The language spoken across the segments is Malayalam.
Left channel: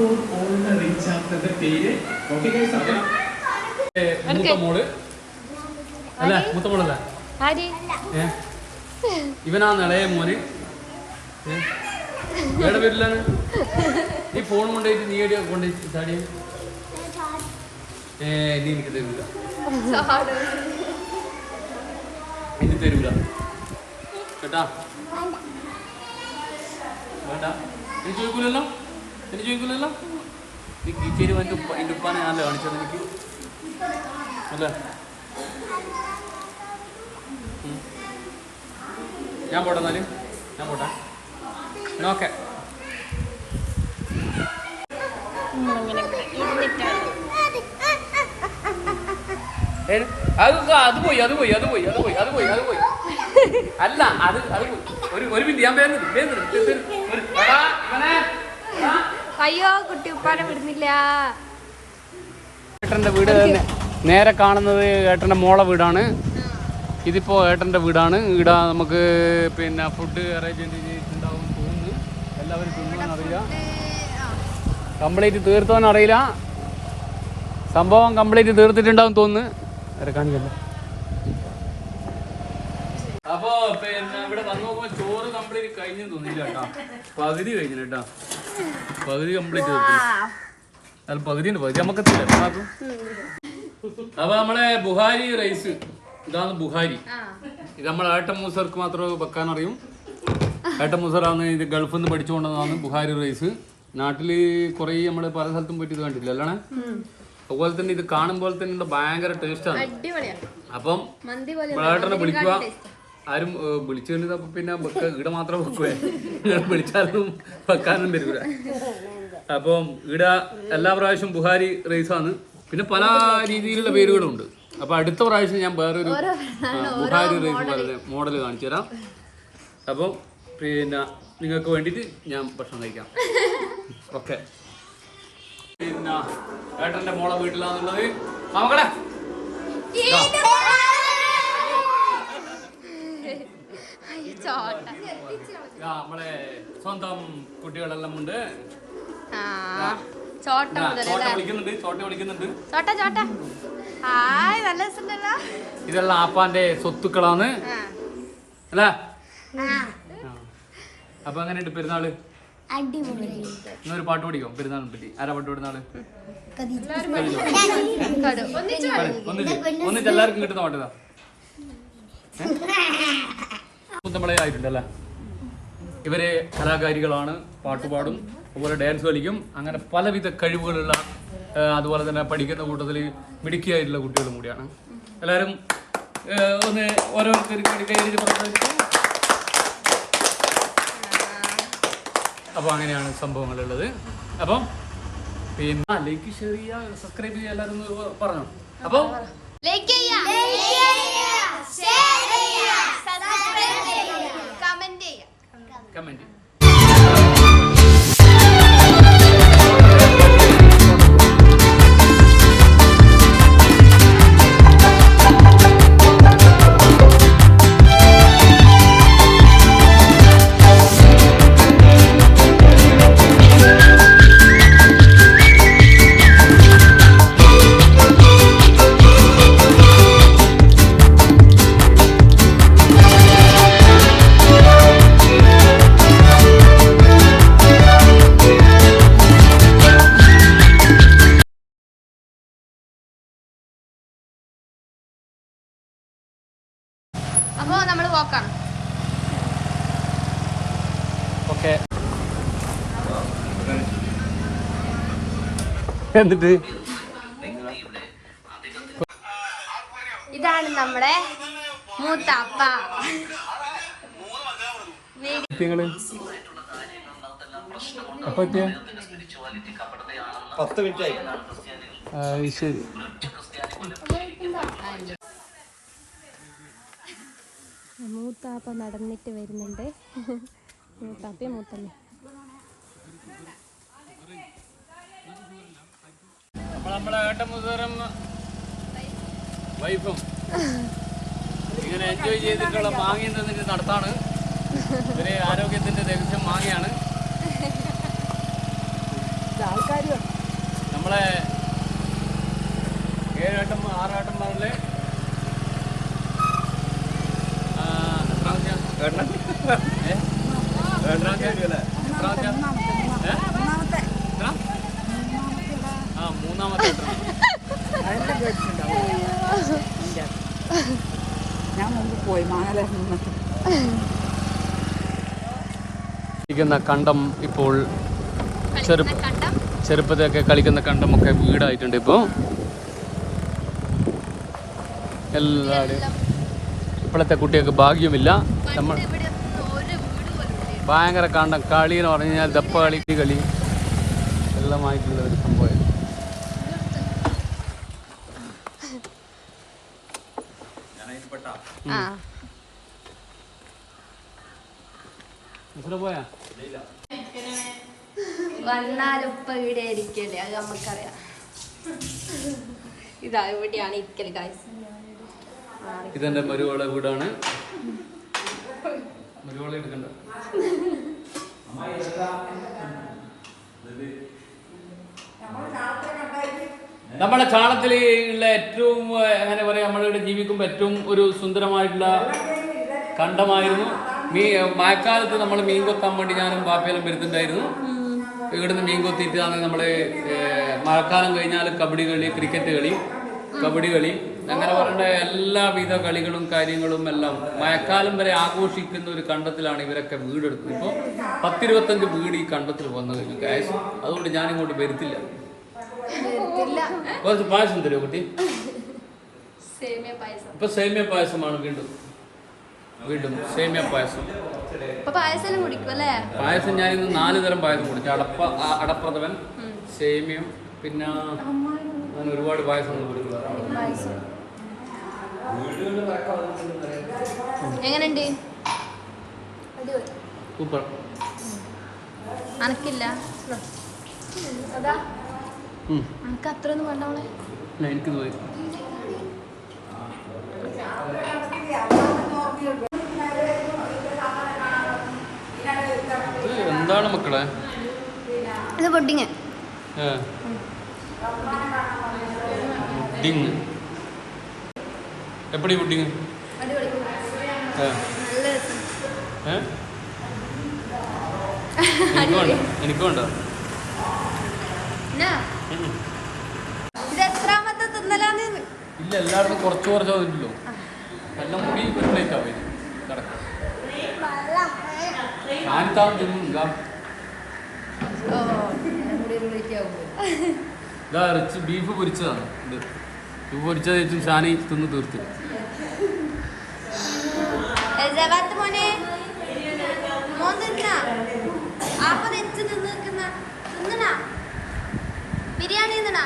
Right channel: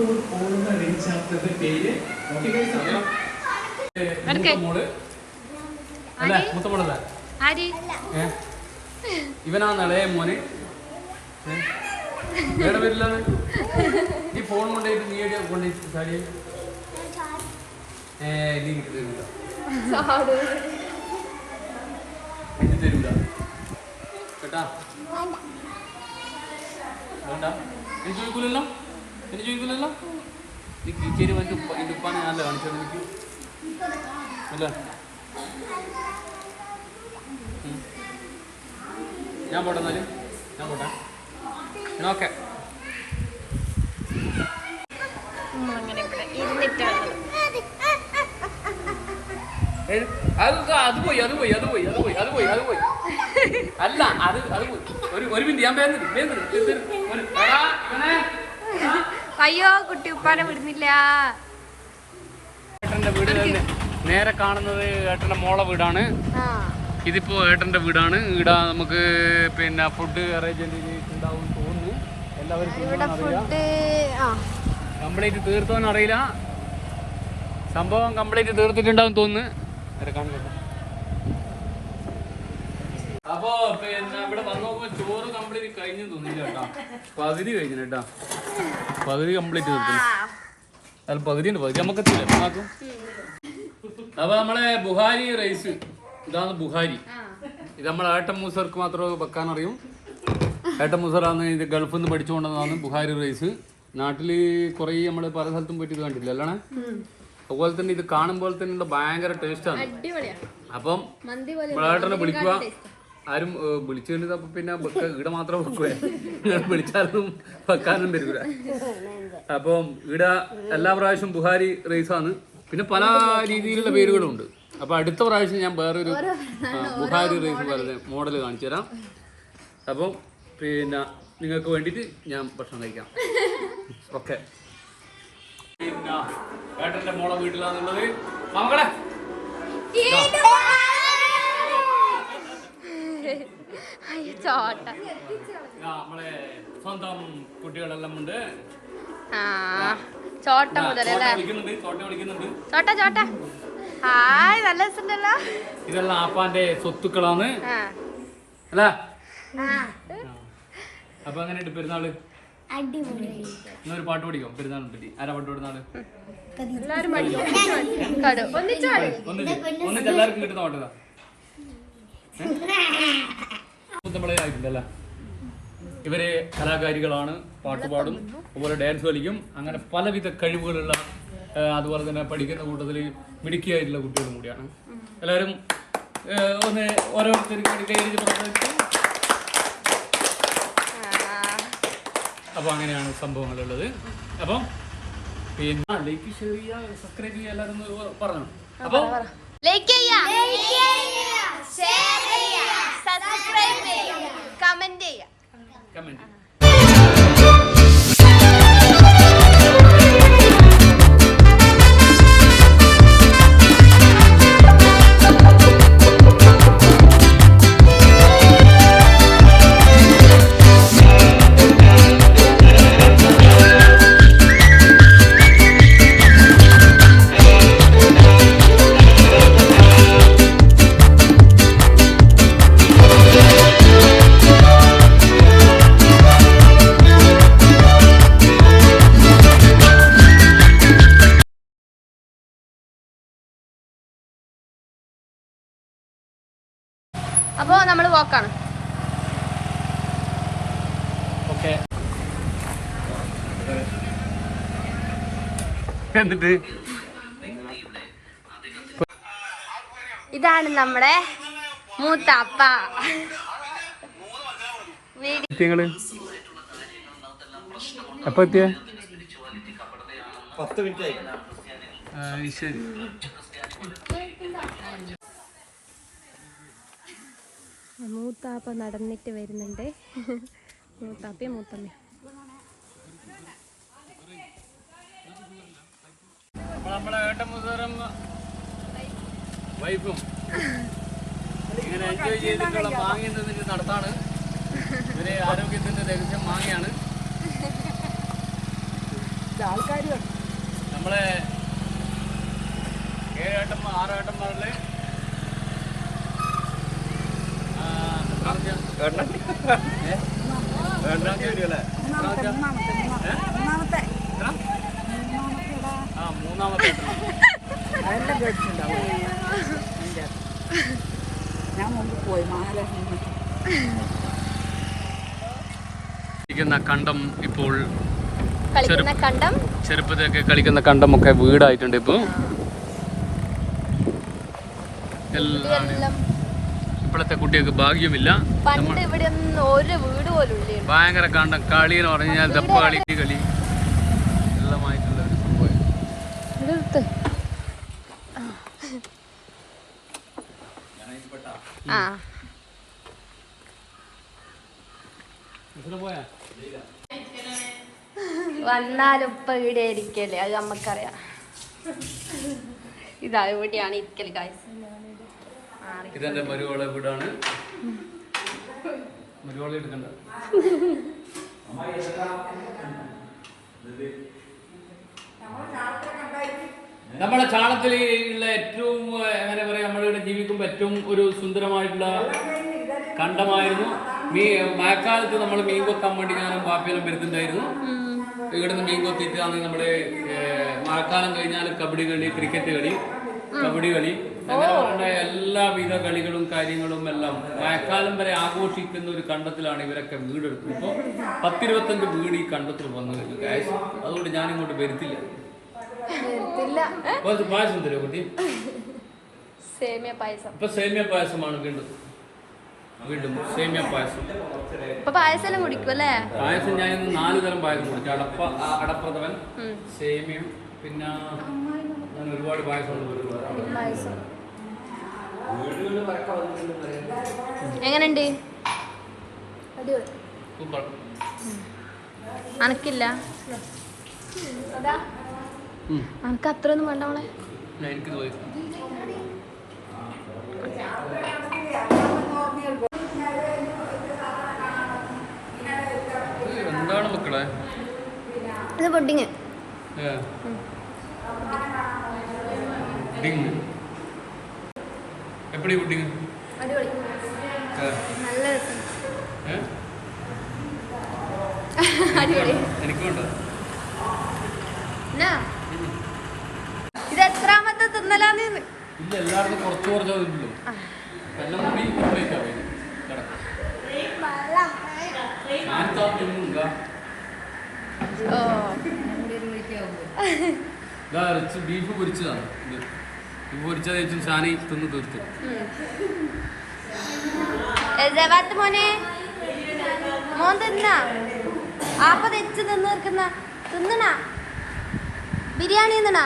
ഫോർ ഓൾ എന്ന റീൽ ചാപ്റ്ററിന്റെ പേര് മൂത്ത മോള് അല്ലേ? മൂത്ത മോളല്ല, ഇവനാണ് ഇളയ മോന്. എവിടെ വരില്ലാണ് നീ ഫോൺ കൊണ്ടുപോയിട്ട് നീ എവിടെയാ കൊണ്ടുപോയിട്ട് ചാടിയ? നീ എനിക്ക് തരൂല, എനിക്ക് തരൂല കേട്ടാ, വേണ്ട. എനിക്ക് ചോദിക്കൂലല്ലോ, എനിക്ക് ചോദിക്കൂലല്ലോ. നീ കീച്ചേരി വന്നിട്ട് എൻ്റെ ഉപ്പാനെ ഞാനല്ലേ കാണിച്ചത് എനിക്ക് അല്ലേ? ഞാൻ പോട്ടെ എന്നാലും, ഞാൻ പോട്ടെ. ഓക്കെ, അത് പോയി അത് പോയി അത് പോയി അത് പോയി അത് പോയി അത് പോയി അല്ല അത് അത് പോയി. ഒരു മിനിറ്റ് ഞാൻ അയ്യോ കുട്ടി ഉപ്പാനെ വിടുന്നില്ല. ഏട്ടന്റെ വീട് തന്നെ നേരെ കാണുന്നത് ഏട്ടന്റെ മോളെ വീടാണ്. ഇതിപ്പോ ഏട്ടന്റെ വീടാണ്. ഇവിടെ നമുക്ക് പിന്നെ ഫുഡ് അറേഞ്ച്മെന്റ് ചെയ്തിട്ടുണ്ടാവും തോന്നുന്നു. എല്ലാവരും അറിയില്ല, കംപ്ലീറ്റ് തീർത്തോന്ന് അറിയില്ല. സംഭവം കംപ്ലീറ്റ് തീർത്തിട്ടുണ്ടാവും തോന്നുന്നു. അപ്പൊ പിന്നെ ഇവിടെ വന്നു നോക്കുമ്പോ ചോറ് കംപ്ലീറ്റ് കഴിഞ്ഞു തോന്നില്ല കേട്ടാ. പകുതി കഴിഞ്ഞു കേട്ടാ, പകുതി കംപ്ലീറ്റ് തീർത്തില്ല. അല്ല പകുതി ഉണ്ട്, പകുതി നമുക്കെത്തില്ല ആക്കും. അപ്പൊ നമ്മളെ ബുഹാരി റൈസ്, ഇതാണ് ബുഹാരി. ഇത് നമ്മളെ ഏട്ടൻ മൂസർക്ക് മാത്രമേ വെക്കാൻ അറിയും. ഏട്ടൻ മൂസറാണ് ഇത് ഗൾഫിൽ നിന്ന് പഠിച്ചുകൊണ്ടതാണ് ബുഹാരി റൈസ്. നാട്ടില് കുറേ നമ്മള് പല സ്ഥലത്തും പോയിട്ട് ഇത് കണ്ടില്ല അല്ലേ? അതുപോലെ തന്നെ ഇത് കാണുമ്പോൾ തന്നെ ഭയങ്കര ടേസ്റ്റാണ്. അപ്പം ഏട്ടനെ വിളിക്കുക, ആരും വിളിച്ചു കഴിഞ്ഞത് അപ്പൊ പിന്നെ ഇവിടെ മാത്രം വെക്കുവേ, വിളിച്ചാലും വെക്കാനും വരില്ല. അപ്പം ഇവിടെ എല്ലാ പ്രാവശ്യം ബുഹാരി റൈസാണ്. പിന്നെ പല രീതിയിലുള്ള പേരുകളുണ്ട്. അപ്പൊ അടുത്ത പ്രാവശ്യം ഞാൻ വേറൊരു ബുഹാരി റൈസ് പോലെ മോഡൽ കാണിച്ചു തരാം. അപ്പം പിന്നെ നിങ്ങൾക്ക് വേണ്ടിയിട്ട് ഞാൻ ഭക്ഷണം കഴിക്കാം. ഓക്കെ, പിന്നെ ഏട്ടന്റെ മോളെ വീട്ടിലാണുള്ളത്. മക്കളെ നമ്മളെ സ്വന്തം കുട്ടികളെല്ലാം ഉണ്ട്. ഇതെല്ലാം ആപ്പാന്റെ സ്വത്തുക്കളാണ് അല്ലേ? അപ്പൊ എങ്ങനെയുണ്ട് പെരുന്നാള്? ഇന്നൊരു പാട്ട് പഠിക്കും പെരുന്നാളിനെ പറ്റി. ആരാ പാട്ട് പാടുന്നാള്? ഒന്നിച്ച് എല്ലാവർക്കും കിട്ടുന്ന പാട്ടതാ നമ്മളെ ആയിട്ടുണ്ടല്ലേ. ഇവര് കലാകാരികളാണ്, പാട്ടുപാടും, അതുപോലെ ഡാൻസ് കളിക്കും. അങ്ങനെ പലവിധ കഴിവുകളുള്ള, അതുപോലെ തന്നെ പഠിക്കുന്ന കൂട്ടത്തിൽ മിടുക്കിയായിട്ടുള്ള കുട്ടികളും കൂടിയാണ്. എല്ലാവരും ഒന്ന് ഓരോരുത്തർക്ക് കൈയടിച്ച് പ്രവർത്തിക്കും. അപ്പോൾ അങ്ങനെയാണ് സംഭവങ്ങളുള്ളത്. അപ്പം പിന്നെ ലൈക്ക്, ഷെയർ ചെയ്യുക, സബ്സ്ക്രൈബ് ചെയ്യുക, എല്ലാവരും പറഞ്ഞു. അപ്പോൾ കമന്റ്. അപ്പോ നമ്മള് വാക്കാണ്. ഓക്കെ, എന്നിട്ട് ഇതാണ് നമ്മുടെ മൂത്താപ്പ. എപ്പോ എത്തിയ? 10 മിനിറ്റ് ആയി. ശരി. മൂത്താപ്പ നടന്നിട്ട് വരുന്നുണ്ട്. മൂത്താപ്പയും മൂത്തമ്മ. നമ്മളെ ഏട്ടമുതറും വൈഫും ഇങ്ങനെ എൻജോയ് ചെയ്തിട്ടുള്ള മാങ്ങയും തന്നിട്ട് നടത്താണ്. ഇവരെ ആരോഗ്യത്തിന്റെ രഹസ്യം മാങ്ങയാണ്. ആൾക്കാർ നമ്മളെ 7 ആട്ടം 6 ആട്ടം പറഞ്ഞ് മൂന്നാമത്തെ അതെല്ലാം കേട്ടിട്ടുണ്ടാവും ഞാൻ മുമ്പ് പോയി കളിക്കുന്ന കണ്ടം ഇപ്പോൾ കളിക്കുന്ന കണ്ടം ചെറുപ്പത്തിലൊക്കെ കളിക്കുന്ന കണ്ടമൊക്കെ വീടായിട്ടുണ്ട് ഇപ്പോൾ. ഇതെല്ലാം ഇപ്പോഴത്തെ കുട്ടികൾക്ക് ഭാഗ്യമില്ല. പണ്ട് ഇവിടെ ഒന്നും ഒരു വീട് പോലും ഇല്ല. ഭയങ്കര കണ്ടം കളി എന്ന് പറഞ്ഞു കഴിഞ്ഞാൽ ദപ്പ കളി എല്ലാം പോയാ വന്നാലും ഇപ്പൊ ഇവിടെ ഇരിക്കല്ലേ, അത് നമ്മക്കറിയാം. ഇതാ ഇവിടെയാണ് ഇരിക്കല് ഗൈസ്. ഇതെന്റെ മരുവള വീടാണ്. മരുവള എടുക്കണ്ട. നമ്മളെ ചാണത്തിൽ ഉള്ള ഏറ്റവും എങ്ങനെ പറയാ, നമ്മളിവിടെ ജീവിക്കുമ്പോൾ ഏറ്റവും ഒരു സുന്ദരമായിട്ടുള്ള കണ്ടമായിരുന്നു. മഴക്കാലത്ത് നമ്മൾ മീൻ കൊത്താൻ വേണ്ടി ഞാനും ബാപ്പയെല്ലാം വരുന്നുണ്ടായിരുന്നു. ഇവിടുന്ന് മീൻ കൊത്തിയിട്ടാണ് നമ്മള് മഴക്കാലം കഴിഞ്ഞാൽ കബഡി കളി, ക്രിക്കറ്റ് കളി, കബഡി കളി, അങ്ങനെ പറയേണ്ട എല്ലാവിധ കളികളും കാര്യങ്ങളും എല്ലാം മഴക്കാലം വരെ ആഘോഷിക്കുന്ന ഒരു കണ്ടത്തിലാണ് ഇവരൊക്കെ വീടെടുക്കുന്നത്. ഇപ്പോൾ 10-25 വീട് ഈ കണ്ടത്തിൽ വന്നു കഴിഞ്ഞു ക്യാഷ്. അതുകൊണ്ട് ഞാനിങ്ങോട്ട് വരുത്തില്ല. കുറച്ച് പായസം തരുമോ കുട്ടി? ഇപ്പൊ സേമിയ പായസമാണ് വീണ്ടും സേമിയ പായസം. പായസം ഞാനിന്ന് 4 തരം പായസം കുടിച്ചു. അടപ്രഥമൻ, സേമിയം, പിന്നെ ഞാൻ ഒരുപാട് പായസം എങ്ങനെയുണ്ട്? സൂപ്പർ. അനക്കില്ല അനക്ക് അത്ര ഒന്നും വേണ്ടവളെ. എനിക്ക് എന്താണ് മക്കളെ ഇത്? പുഡിങ്. എപ്പടി പുഡിങ്? നല്ല രസം. എനിക്ക് വേണ്ട. ഇത് എത്രാമത്തെ തിന്നലാന്ന്? ഇല്ല, എല്ലാവർക്കും കുറച്ചോ ഇല്ലല്ലോ. എല്ലാം കൂടി പ്ലേറ്റ് ആവും. ബീഫ് പൊരിച്ചതാണ്. ബീഫ് പൊരിച്ചത് വെച്ചും ഷാനി തിന്ന് തീർത്തു. മോനെ മോൻ തിന്നാ ആപ്പ തെച്ച് തിന്നിരിക്കുന്ന തിന്നണ ബിരിയാണി തിന്നണ.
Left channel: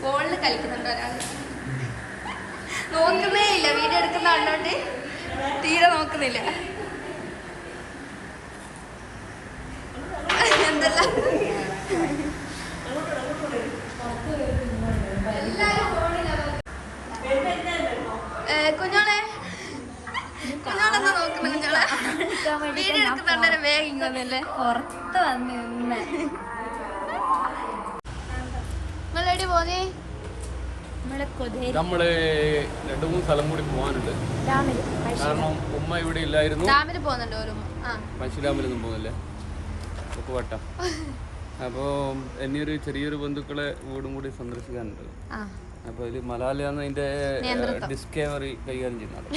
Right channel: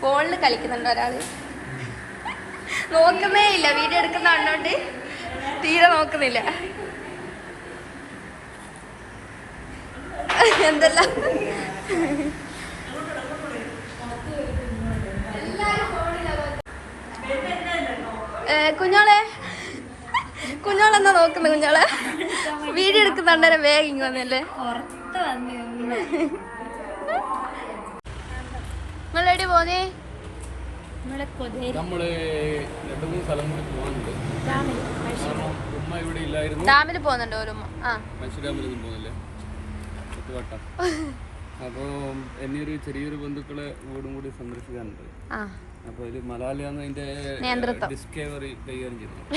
ഫോണിൽ കളിക്കുന്നുണ്ട് ഒരാള്. നോക്കുന്നേ ഇല്ല, വീഡിയോ എടുക്കുന്ന കണ്ടോണ്ട് തീരെ നോക്കുന്നില്ല. എന്തെല്ലാം കുഞ്ഞോളെന്നാ നോക്കുന്നു? കുഞ്ഞോളെ വീഡിയോ എടുക്കുന്നുണ്ടേരം വേഗം ഇങ്ങ് വന്നല്ലേ. പുറത്ത് വന്ന് നമ്മളെടി പോന്നേ? നമ്മള് 2-3 സ്ഥലം കൂടി പോകാനുണ്ട്. കാരണം ഉമ്മ ഇവിടെ ഇല്ലായിരുന്നു. ഡാമിൽ പോകുന്നുണ്ട് ഒരു മനുഷ്യ ഡാമിലൊന്നും പോകുന്നില്ല. വട്ടം. അപ്പോൾ എന്നൊരു ചെറിയൊരു ബന്ധുക്കളെ വീടും കൂടി സന്ദർശിക്കാനുണ്ട്. അപ്പൊ ഇത് മലയാളിയാണ് അതിന്റെ ഡിസ്കവറി കൈകാര്യം ചെയ്യുന്നത്.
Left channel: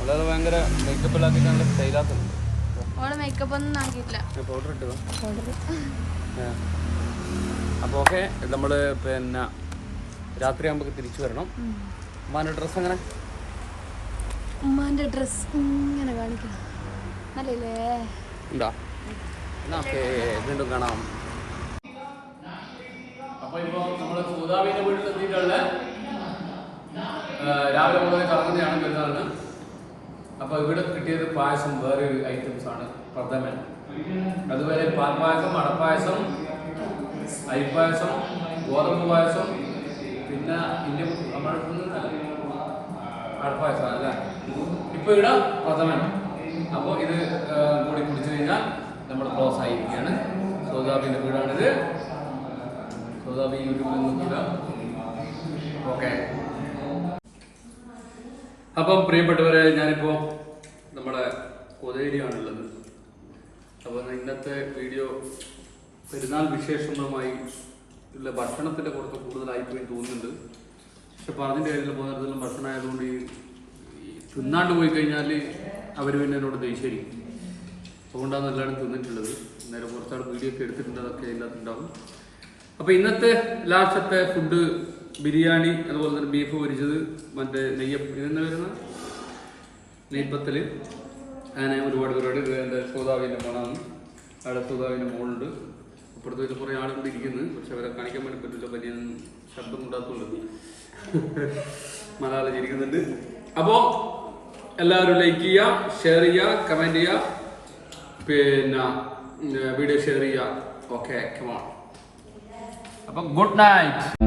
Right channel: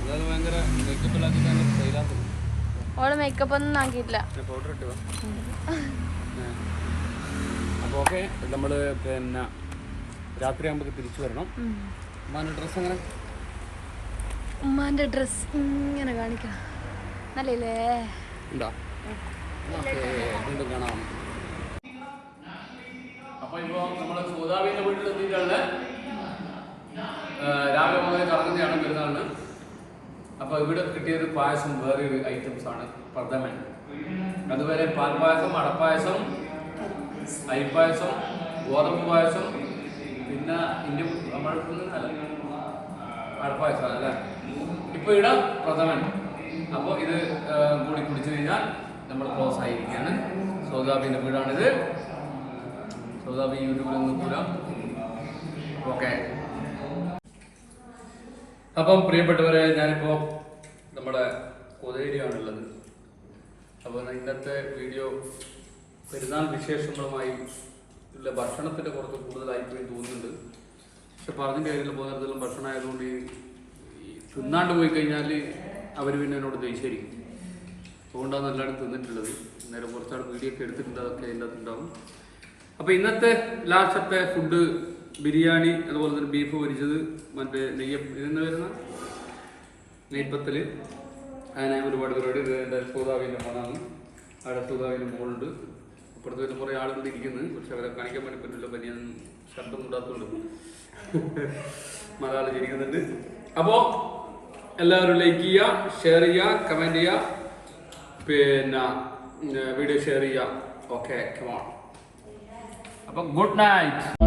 അതായത് ഭയങ്കര മേക്കപ്പ് ഇല്ലാത്തിട്ട് നല്ല സ്റ്റൈലാക്കുന്നുണ്ട്. മേക്കപ്പ് ഒന്നും ആക്കിയിട്ടില്ല. അപ്പോൾ ഓക്കെ, നമ്മള് പിന്നെ രാത്രി ആകുമ്പോ തിരിച്ചു വരണം. ഉമ്മാന്റെ ഡ്രസ് എങ്ങനെ? ഉമ്മാന്റെ ഡ്രസ് ഇങ്ങനെ കാണിക്കണം. നല്ലേ ഉണ്ടോ? വീണ്ടും കാണാം. അപ്പൊ ഇപ്പൊ നമ്മള് സൂതാവിന്റെ വീട്ടിൽ എത്തിയിട്ടുള്ള രാവിലെ മുതൽ കറങ്ങുന്നതാണ് പെരുന്നാളിന്. അപ്പൊ ഇവിടെ കിട്ടിയത് പായസം വേറെ ഒരു ഐറ്റംസ് ആണ്, പ്രഥമൻ. അതുവരെ പാൽപ്പായസം, അടപ്പായസം, അരിപ്പായസം, ഗോതമ്പ് പായസം, പിന്നെ അടപ്പായസം അല്ലേ. ഇപ്പൊ ഇവിടെ പ്രഥമൻ. അപ്പോൾ ഇത് കൂടി കുടിച്ചു കഴിഞ്ഞാൽ നമ്മൾ ക്ലോസ് ആയിരിക്കുകയാണ്. സൗദാബിന്റെ വീടാണിത്. സൗദാബി യൂട്യൂബിൽ നോക്കൂല. ഓക്കെ. അപ്പം പ്രിയപ്പെട്ടവരെ, ഞാനിപ്പോ നമ്മുടെ കൊതേരിയാണുള്ളത്. അപ്പോൾ ഇന്നത്തെ വീഡിയോ പെരുന്നാൾ വിശേഷങ്ങളുമായി ഉള്ള ഭക്ഷണത്തിന്റെ കുറച്ച് കൂടുതലായിപ്പോയി തോന്നുന്നുണ്ട്. പക്ഷെ പറഞ്ഞിട്ട് കാര്യത്തിൽ പോകുന്നിടത്തോളം ഭക്ഷണം ആയതുകൊണ്ട് ഈ തിന്നാണ്ട് പോയി കഴിഞ്ഞാൽ അവർ പിന്നെ എന്നോട് ദേഷ്യായിരിക്കും. അതുകൊണ്ടാണ് എല്ലാവരും തിന്നിട്ടുള്ളത്. നേരെ കുറച്ചാട് വീഡിയോ ഒക്കെ എടുത്തിട്ടുണ്ട്, അതൊക്കെ അതിൻ്റെ അകത്തുണ്ടാവും. അപ്പോൾ ഇന്നത്തെ ലാസ്റ്റത്തെ ഫുഡ് ബിരിയാണി, അതുപോലെ തന്നെ ബീഫ് പൊരിച്ചത്, മറ്റേ ഇതെന്ന് വരുന്ന നെയ്പ്പത്തിൽ, അങ്ങനെ ഒരുപാട് പരിപാടി. എൻ്റെ സൂതാവിൻ്റെ മണാണ്. അവിടെ സൂതാവിൻ്റെ മോളുണ്ട്. അപ്പുറത്ത് കുറേ ആളുകൾ ഇരിക്കുന്നത്. പക്ഷെ അവരെ കാണിക്കാൻ വേണ്ടി പറ്റില്ല, പനിയൊന്നും ശബ്ദം ഉണ്ടാക്കുന്നുണ്ട്. മലയാളം ഇരിക്കുന്നുണ്ട്. അപ്പോൾ എല്ലാവരും ലൈക്ക് ചെയ്യുക, ഷെയർ ചെയ്യുക, കമൻറ്റ് ചെയ്യുക, പിന്നെ വീഡിയോ ഷെയർ ചെയ്യുക. Okay, come on. അപ്പം ഗുഡ് നൈറ്റ്.